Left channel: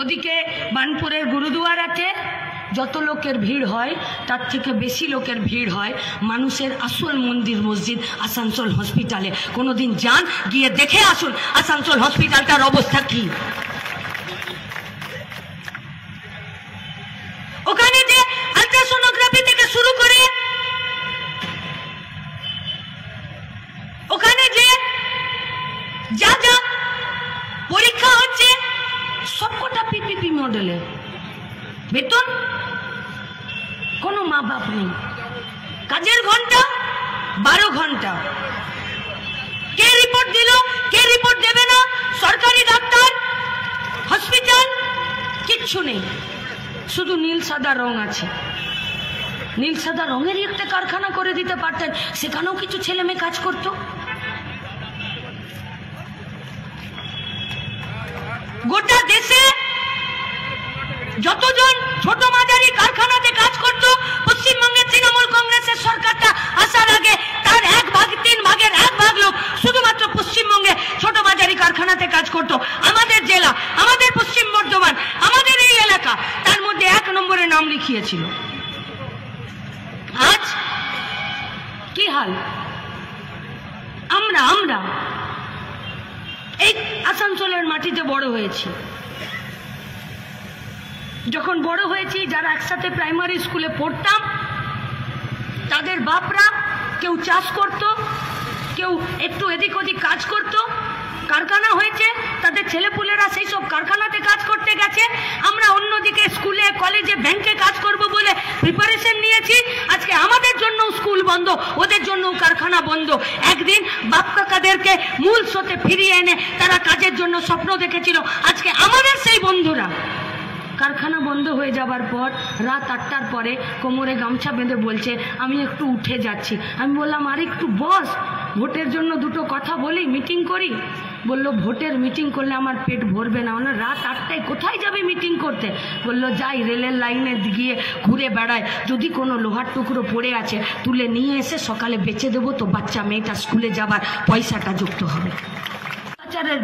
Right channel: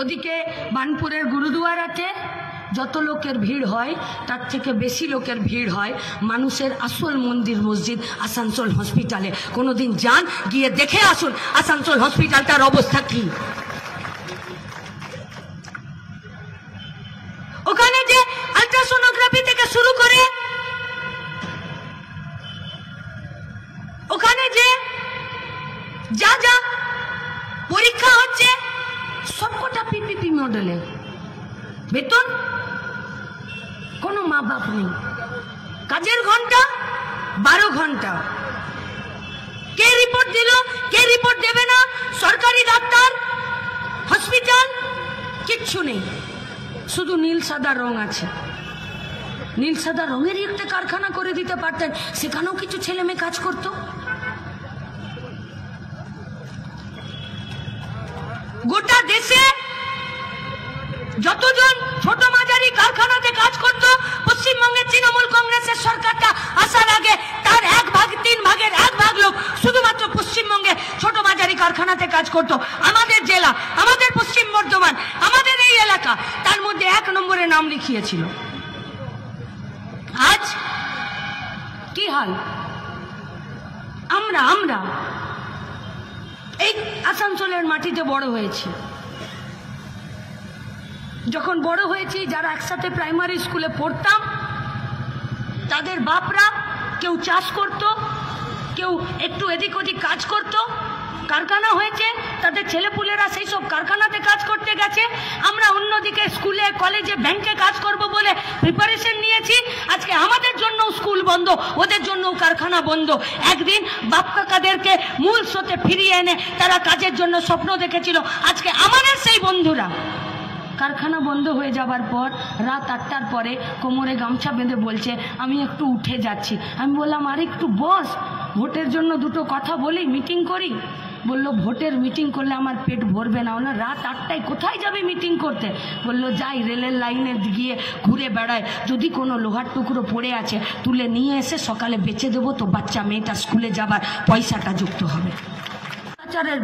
ওদিকে বানপুরের গুরুদুয়ার আছে, যত লোকের ভিড় হয় তার থেকে বেশি লোকের ভিড় হয় মানুষের আসল মন্দির মসজিদ আসানসোল হসপিটালে। কোনোদিন যান, গিয়ে দেখে আসুন আসানসোল হসপিটালটার অবস্থা কি। ওখানে যে আল্ট্রাসোনোগ্রাফি থেকে শুরু করে ওখানে যে যা যা পরীক্ষা হচ্ছে সবকটা পিপিপি মডেলে, বেতন কোনো মা বাপ নেই, কাজের ঘন্টা 12 ঘন্টা, কে রিপোর্ট দিল কে রিপোর্ট দেবে না, সরকারি ডাক্তার হসপিটাল কিচ্ছু নেই, শুধু নীল সাদা রং আছে। নীল সাদা রঙেরই একটা কারখানা করে দিতে পারতেন, সেখানেও কিছু ছেলে মেয়ে কাজ করত। গোটা দেশে যতজন ছোট মাঝারি কারখানাতে কাজ করত, পশ্চিমবঙ্গের তৃণমূল কংগ্রেসের সরকারটা আসার আগে তার 1/3 ভাগের 1 ভাগ লোক শুধুমাত্র পশ্চিমবঙ্গে ছোট মাঝারি কারখানাতে কাজ করত। আমাদের জেলা, আমাদের পশ্চিম বর্ধমান, আমাদের এই এলাকা তার মধ্যে 1 নম্বরে নাম লিখিয়েছিল। আজ কি হাল? আমরা এই আসানসোলের মাটিতে বড় হয়েছি। যখন বড় হয়েছি, যারা একসাথে প্রাইমারি স্কুলে পড়তাম, তাদের বাপরা কেউ চাষ করত, কেউ একটু এদিক ওদিক কাজ করত, কারখানা হয়েছে, তাদের ছেলেপুলেরা সেই সব কারখানাতে কাজ করতে গেছে। আমরা অন্যদিকে স্কুলে কলেজে ব্যাংকে কাজ করব বলে প্রিপারেশন নিয়েছি। আজকে আমাদের জন্য স্কুল বন্ধ, ওদের জন্য কারখানা বন্ধ। একদিন বাপ কাকাদেরকে মূল স্রোতে ফিরিয়ে এনে তারা কাজের জন্য স্বপ্ন দেখেছিল। আজকে আমাদের সেই বন্ধুরা কারখানা বন্ধ হয়ে যাবার পর রাত 8টার পরে কোমরে গামছা বেঁধে বলছে আমি একটু উঠে যাচ্ছি। আমি বললাম আর একটু বস, ভোটের জন্য দুটো কথা বলি, মিটিং করি। বলল ভোটের মিটিং করলে আমার পেট ভরবে না। বললো রাত 8টায় কোথায় যাবে মিটিং করতে? বলল যাই, রেলের লাইনে গিয়ে ঘুরে বেড়ায়, যদি কোনো লোহার টুকরো পড়ে আছে তুলে নিয়ে এসে সকালে বেচে দেবো, তো বাচ্চা মেয়েটা স্কুলে যাবার পয়সাটা যুক্ত হবে।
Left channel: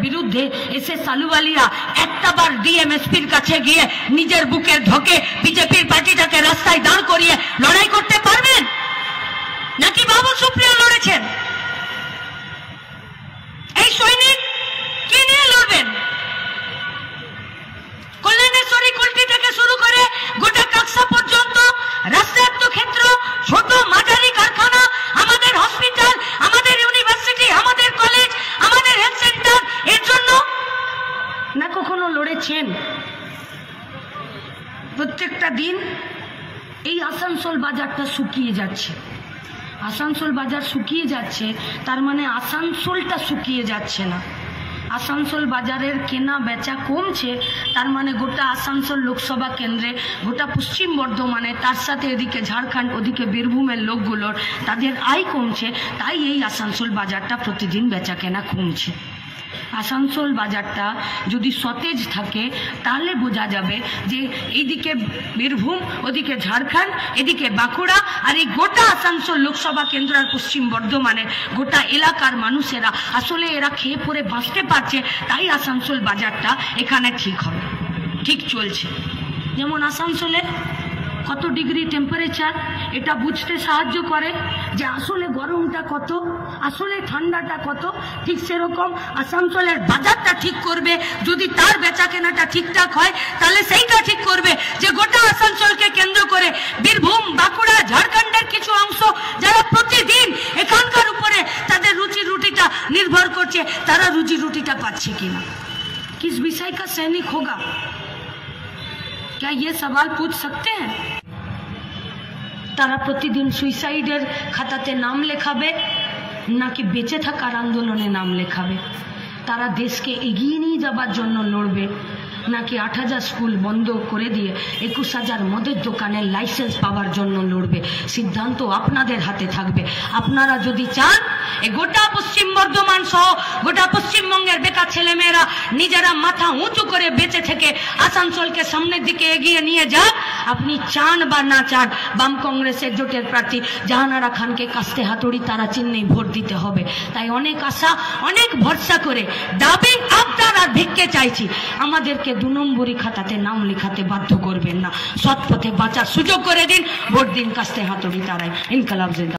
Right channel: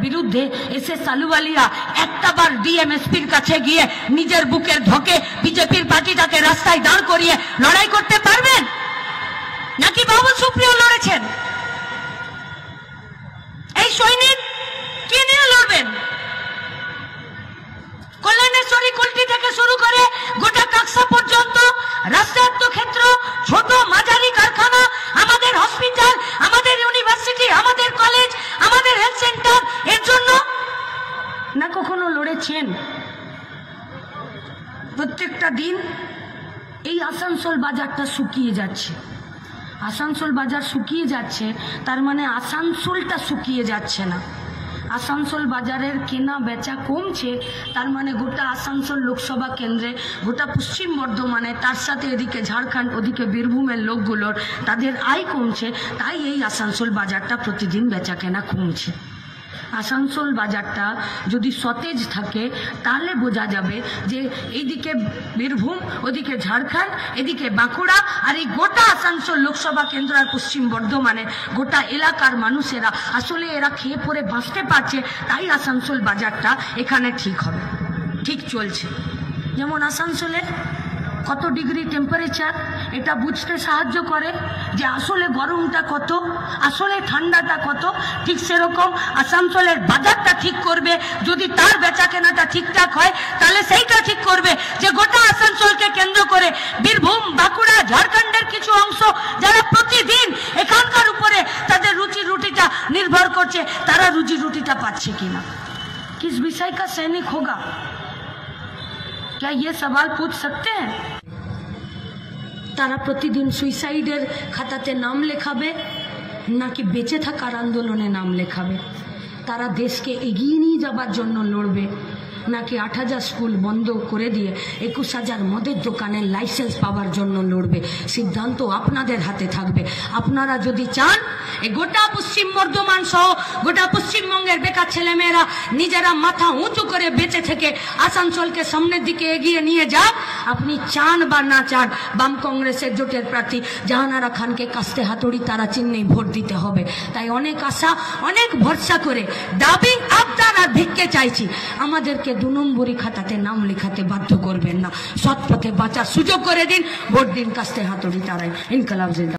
বিরুদ্ধে এসে সালুওয়ালিয়া একটাবার ডিএমএসপির কাছে গিয়ে নিজের বুকের ঢোকে বিজেপির পার্টিটাকে রাস্তায় দাঁড় করিয়ে লড়াই করতে পারবেন নাকি বাবা সুপ্রিয়া লড়েছেন? এই সৈনিক কি নিয়ে লড়বেন? কল্যাণেশ্বরী কল্টি থেকে শুরু করে গোটা কাকসা পর্যন্ত রাষ্ট্রায়ত্ত ক্ষেত্র, ছোট মাঝারি কারখানা, আমাদের হসপিটাল, আমাদের ইউনিভার্সিটি, আমাদের কলেজ, আমাদের হেলথ সেন্টার, এর জন্য না কখনো লড়েছেন? প্রত্যেকটা দিন এই আসানসোল বাজারটা শুকিয়ে যাচ্ছে। আসানসোল বাজার শুকিয়ে যাচ্ছে, তার মানে আসানসোলটা শুকিয়ে যাচ্ছে না। আসানসোল বাজারের কেনা বেচা কমছে, তার মানে গোটা আসানসোল লোকসভা কেন্দ্রে, গোটা পশ্চিম বর্ধমানে, তার সাথে এদিকে ঝাড়খণ্ড, ওদিকে বীরভূমের লোকগুলোর তাদের আয় কমছে। তাই এই আসানসোল বাজারটা প্রতিদিন বেচা কেনা কমছে। আসানসোল বাজারটা যদি সতেজ থাকে তাহলে বোঝা যাবে যে এইদিকে বীরভূম, ওদিকে ঝাড়খণ্ড, এদিকে বাঁকুড়া, আর এই গোটা আসানসোল লোকসভা কেন্দ্র আর পশ্চিম বর্ধমানের গোটা এলাকার মানুষেরা আসলে এরা খেয়ে পরে বাঁচতে পারছে। তাই আসানসোল বাজারটা এখানে ঠিক হবে, ঠিক চলছে। যেমন আসানসোলে কত ডিগ্রি টেম্পারেচার, এটা বুঝতে সাহায্য করে যে আসলে গরমটা কত, আসলে ঠান্ডাটা কত। ঠিক সেরকম আসানসোলের বাজারটা ঠিক করবে, যদি তার বেচা কেনাটা ঠিকঠাক হয় তাহলে সেইটা ঠিক করবে যে গোটা আসানসোলকে কেন্দ্র করে বীরভূম, বাঁকুড়া, ঝাড়খণ্ডের কিছু অংশ যারা প্রতিদিন এখানকার উপরে তাদের রুজি রুটিটা নির্ভর করছে, তারা রুজি রুটিটা পাচ্ছে কিনা। किस विषय का सैनिक होगा, क्या ये सवाल पूछ सकते हैं? তারা প্রতিদিন সুইসাইডের খাতাতে নাম লেখাবে নাকি বেঁচে থাকার আন্দোলনে নাম লেখাবে? তারা দেশকে এগিয়ে নিয়ে যাবার জন্য লড়বে নাকি 8000 স্কুল বন্ধ করে দিয়ে 21000 মদের দোকানের লাইসেন্স পাওয়ার জন্য লড়বে? সিদ্ধান্ত আপনাদের হাতে থাকবে। আপনারা যদি চান এই গোটা পশ্চিম বর্ধমান সহ গোটা পশ্চিমবঙ্গের বেকার ছেলেমেয়েরা নিজেরা মাথা উঁচু করে বেঁচে থেকে আসানসোলকে সামনের দিকে এগিয়ে নিয়ে যাক। আপনি চান বা না চান, বাম কংগ্রেসের জোটের প্রার্থী জাহানারা খানকে কাস্তে হাতুড়ি তারা চিহ্নেই ভোট দিতে হবে। তাই অনেক আশা, অনেক ভরসা করে দাবি আবদার আর ভিক্ষে চাইছি, আমাদেরকে 2 নম্বরী খাতাতে নাম লেখাতে বাধ্য করবেন না। সৎ পথে বাঁচার সুযোগ করে দিন, ভোট দিন কাস্তে হাতুড়ি তারাই। ইনকলাব জিন্দাবাদ।